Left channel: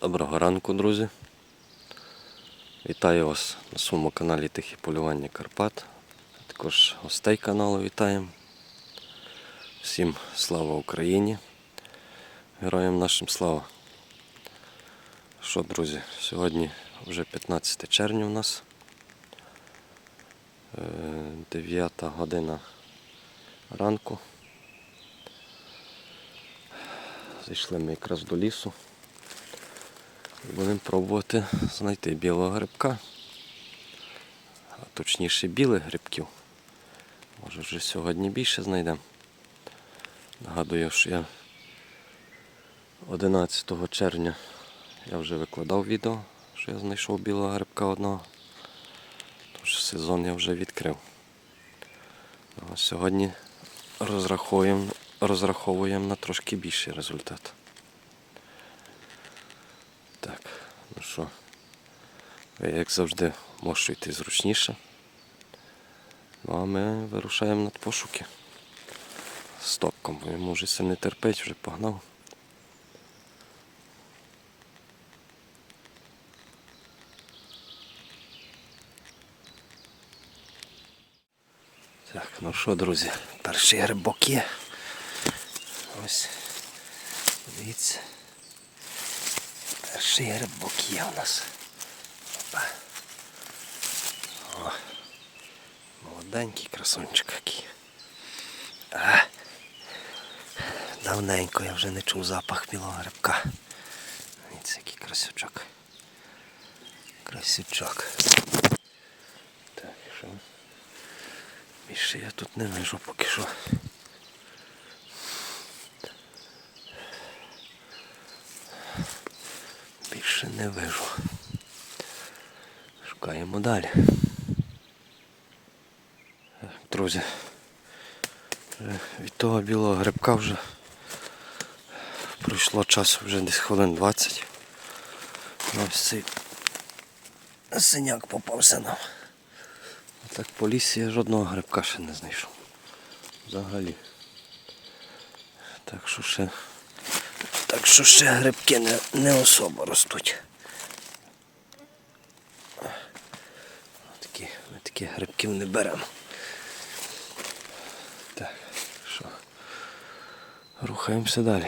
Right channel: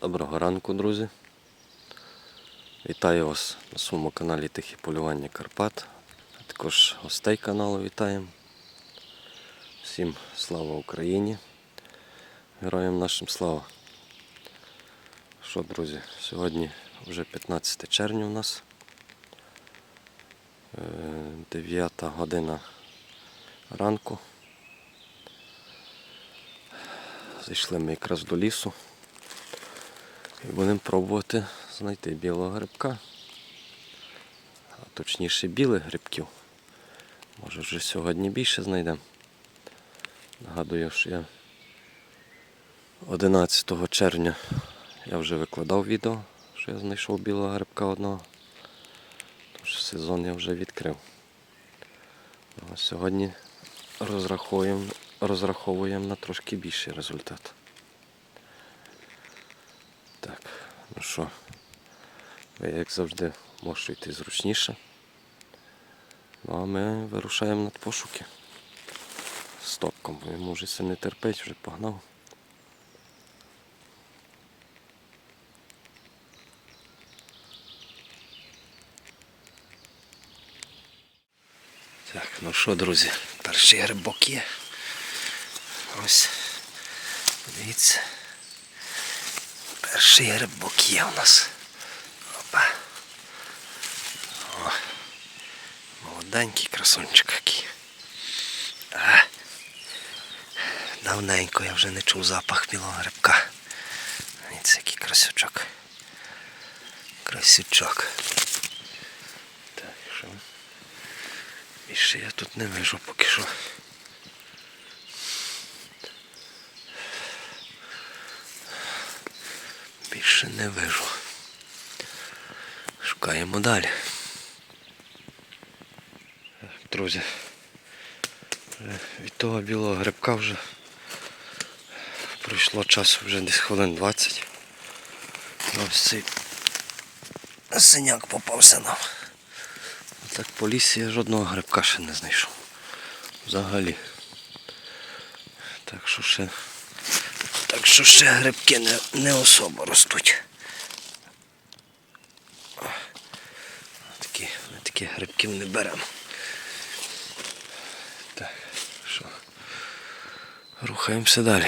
Доброго ранку, друзі. Вітаю вас на своєму каналі Тихі Полювання Карпат. А також гостей каналу вітаємо. Всім слава Україні. Героям нашим слава. Що, друзі, сьогодні вже 15 червня у нас. Е, 9 година ранку. Зайшли ми якраз до лісу. Будемо пробувати знайти білого грибка. А точніше білих грибків. Може вже сьогодні більше знайдемо. Нагадую, що я 11 червня я вже викладав відео, що я знайшов білого грибка одного. Тож сезон я вже відкрив. А сьогодні розраховуємо, розраховуємо на трошки більший результат. Так, ну що, як завжди можете йти зручніше. Ну а ми вирушаємо на пошуки. Стопком, бо йому вже все не терпить, вже погнав. Так, ну що, друзі, перший грибок. Ось. Дивіться. Перший грибок є у нас. Опа. О, молоденький красунчик який. Давненько я вже не чув запах білого грибка. Дивіться, який красючок. Красючок. Так, що? Більше я тут не вижу поки що. Більше не вижу. Шукаємо далі. Друзі, від того білого грибка вже пройшло часу вже десь хвилин 20. Ось цей синяк попався нам. Так по лісі я жодного грибка ще не знайшов. Взагалі. Так що ще так що ще грибки не, не особо ростуть. Такі, ми таких грибків не беремо. Так, що? Рухаємося далі.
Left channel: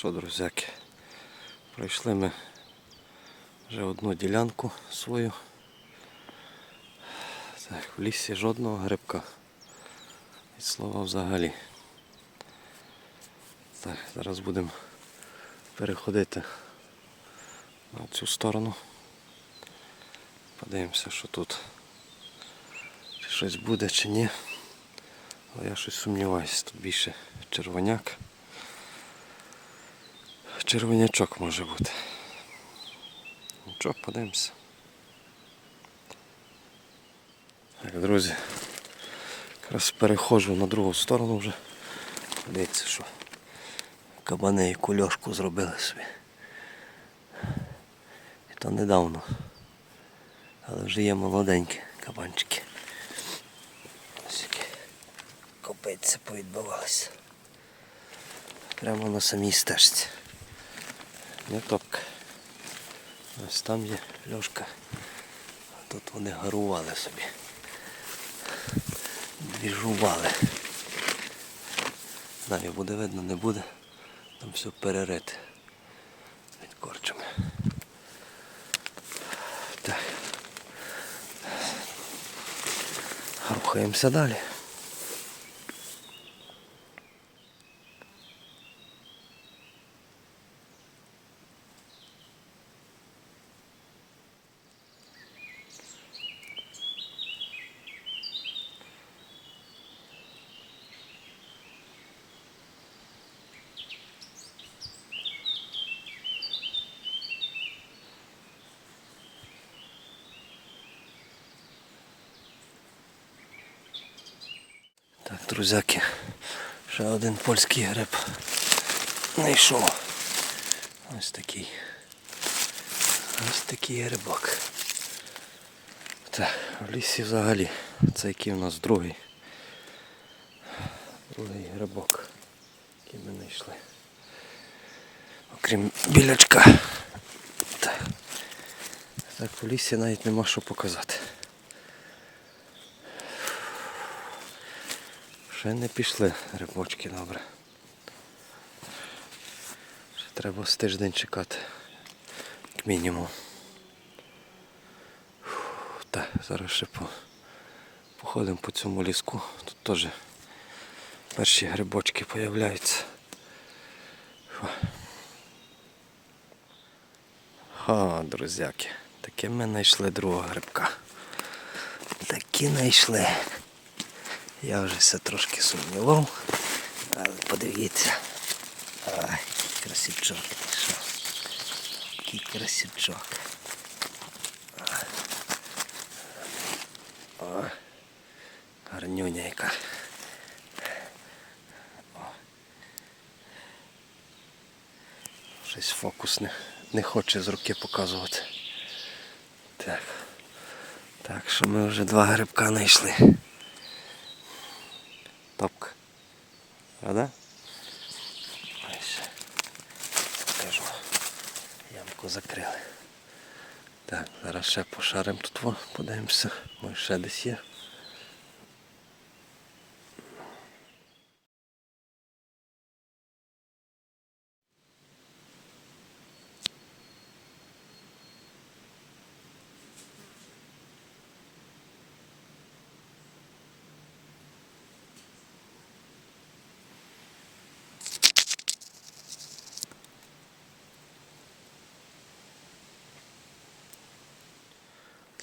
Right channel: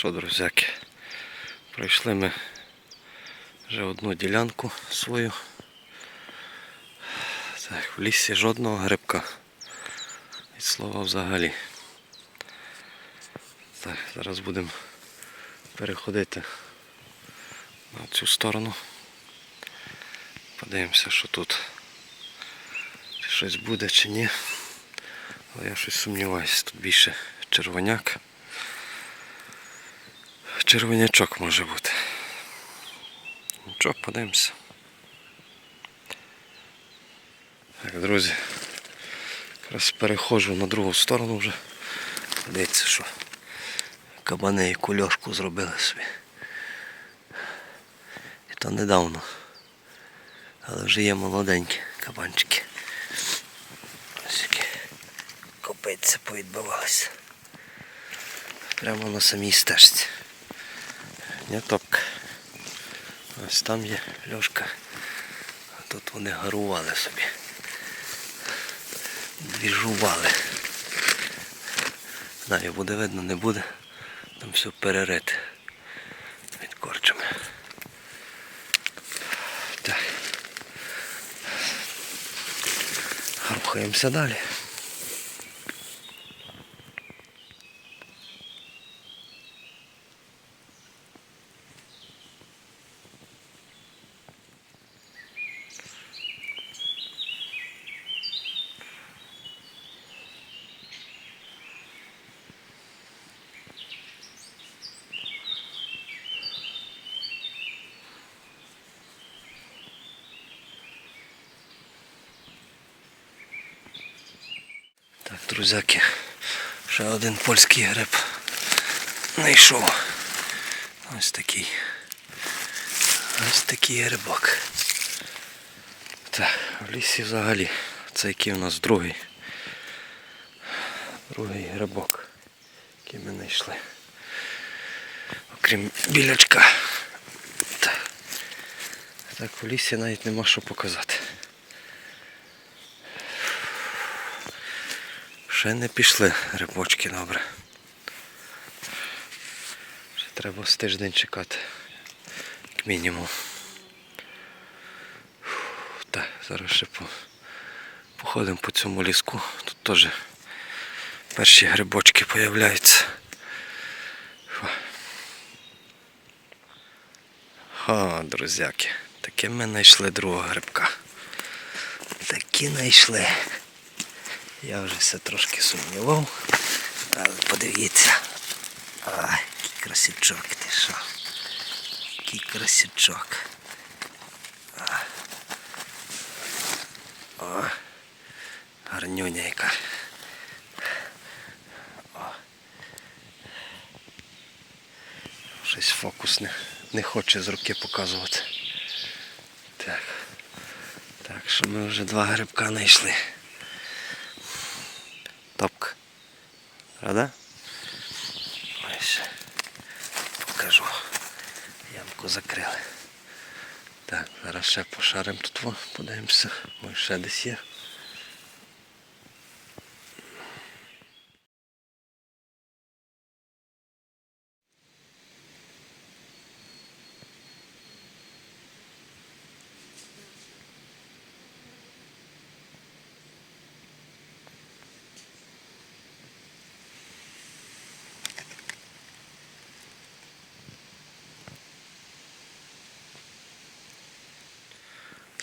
Що, друзяки, пройшли ми вже одну ділянку свою. Так, в лісі жодного грибка. Від слова взагалі. Так, зараз будемо переходити на цю сторону. Подивимося, що тут. Чи щось буде чи ні. Але я щось сумніваюся, тут більше червоняк. Червонячок може бути. Нічого, подивимося. Так, друзі. Зараз переходжу на другу сторону вже. Дивіться, що кабани і кульошку зробили собі. І то недавно. Але вже є молоденькі кабанчики. Ось які копиться повідбивалися. Прямо на самій стежці. Не топка. Ось там є льошка. А тут вони гарували собі. Двіжували. Знаю, буде видно, не буде. Там все перерите від корчами. Так. Рухаємося далі. Друзяки, ще один польський гриб знайшов. Ось такий. Ось такий грибок. Так, в лісі взагалі. Це який у нас другий. Другий грибок, який ми знайшли. Окрім білячка. Так. так, в лісі навіть нема що показати. Ще не пішли грибочки добре. Ще треба з тиждень чекати. Як мінімум. Фух, зараз ще по... походимо по цьому ліску. Тут теж перші грибочки появляються. Фу. Ха, друзяки, таке ми знайшли другого грибка. Такі знайшли. Я вже все трошки сумнівав, але подивіться. Ай, який красивчок ти що. Який красивчок. А. О, гарнюня яка. О. Щось фокус не, не хоче з руки показувати. Так. Так що ми вже два грибка знайшли. Топка. Рада? Ось. Покажу. Ямку закрили. Так, зараз ще пошаримо тут, подивимося. Може ще десь є.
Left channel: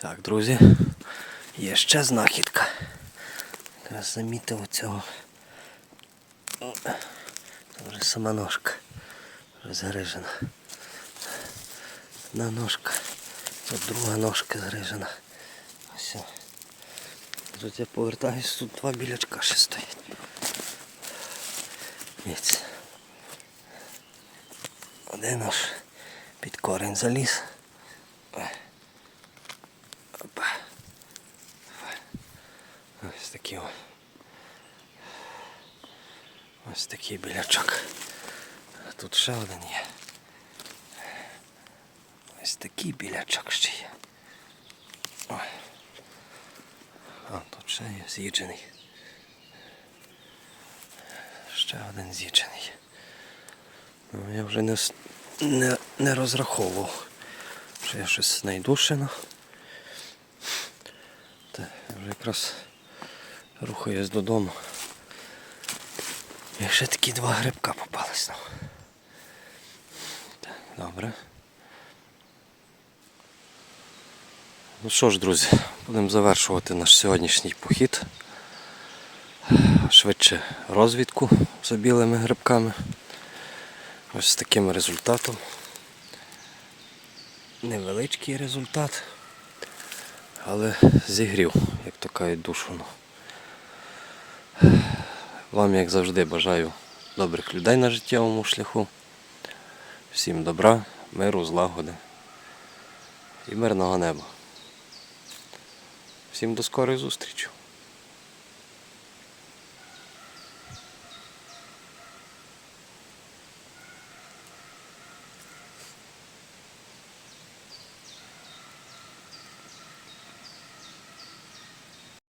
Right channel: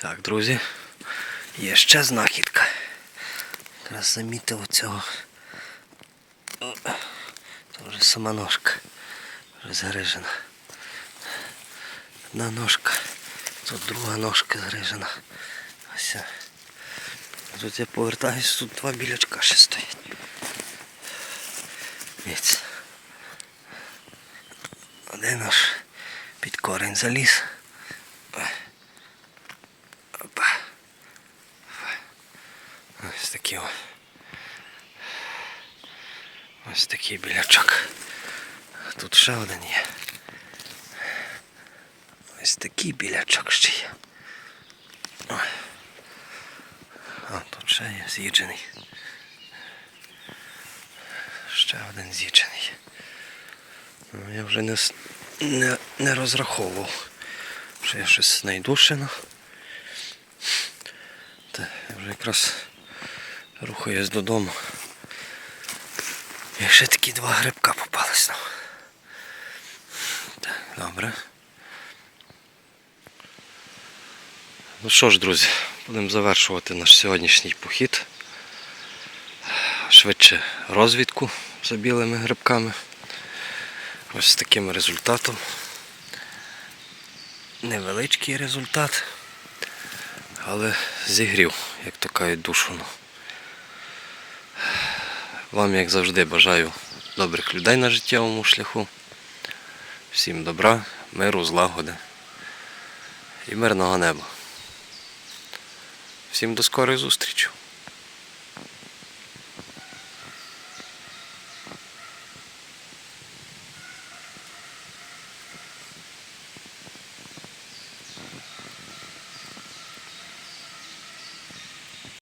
Так, друзі, є ще знахідка. Якраз замітив оцього. Це вже сама ножка. Вже згрижена. Одна ножка. Тут друга ножка згрижена. Ось. Тут я повертаюсь, тут два білячка ще стоять. Один аж під корень заліз. Опа. Ось такий о. Ось такий білячок. Тут ще один є. Ось такий білячок ще є. Ой. А, тут ще є з'їджений. Ще один з'їджений. Ну, я вже не, не, не розраховував, що я щось знайду ще. ну. Та, я вже якраз рухаюсь додому. І ще такі два грибка попались нам. Так, добре. Ну що ж, друзі, будемо завершувати наш сьогоднішній похід. Швидше розвідку за білими грибками. Ось з таким результатом. Невеличкий результат але зігрів, як то кажуть, душу. Вам, як завжди, бажаю добрих людей на життєвому шляху. Всім добра, миру, злагоди і мирного неба. Всім до скорої зустрічі!